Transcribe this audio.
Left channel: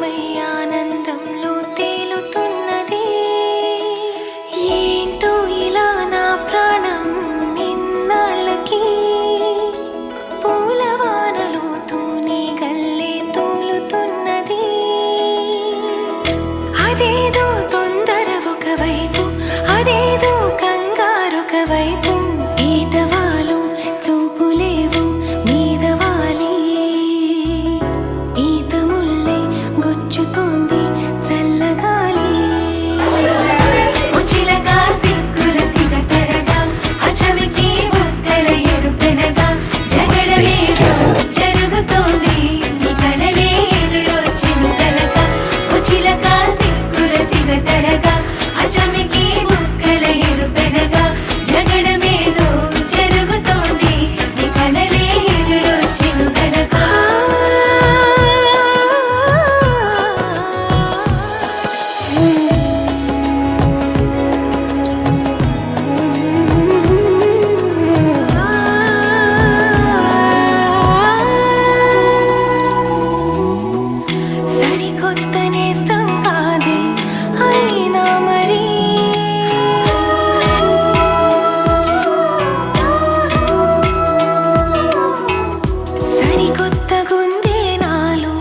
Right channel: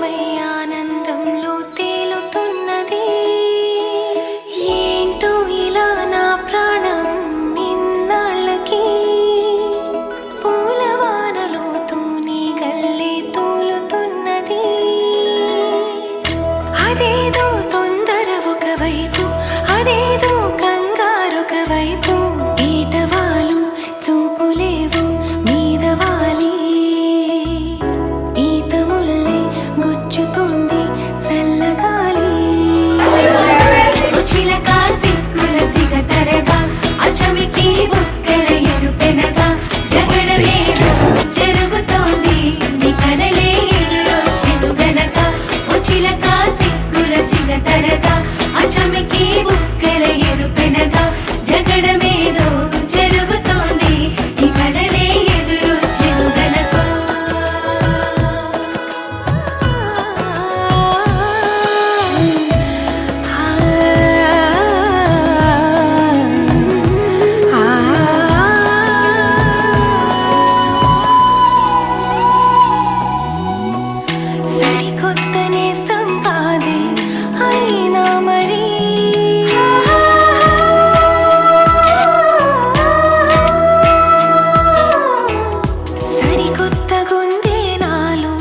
లీనమై ఆనందంలో తేలుతున్నది. ఏంటో ఇలా నా ప్రాణం ఇన్నాళ్ళకి పూలవానలో తూని గల్లే తూలుతున్నది. అదేదో తొందర ఒకవైపు, అదేదో కంగారొక వైపు, ఈటవాలు చూపులేవు మీదవాలి. ఈత ముల్లే గుచ్చుతోంది చల్లగాలి. కొత్త నేస్తం కాదే అయినా మరి సరికొత్త గుందే నాలో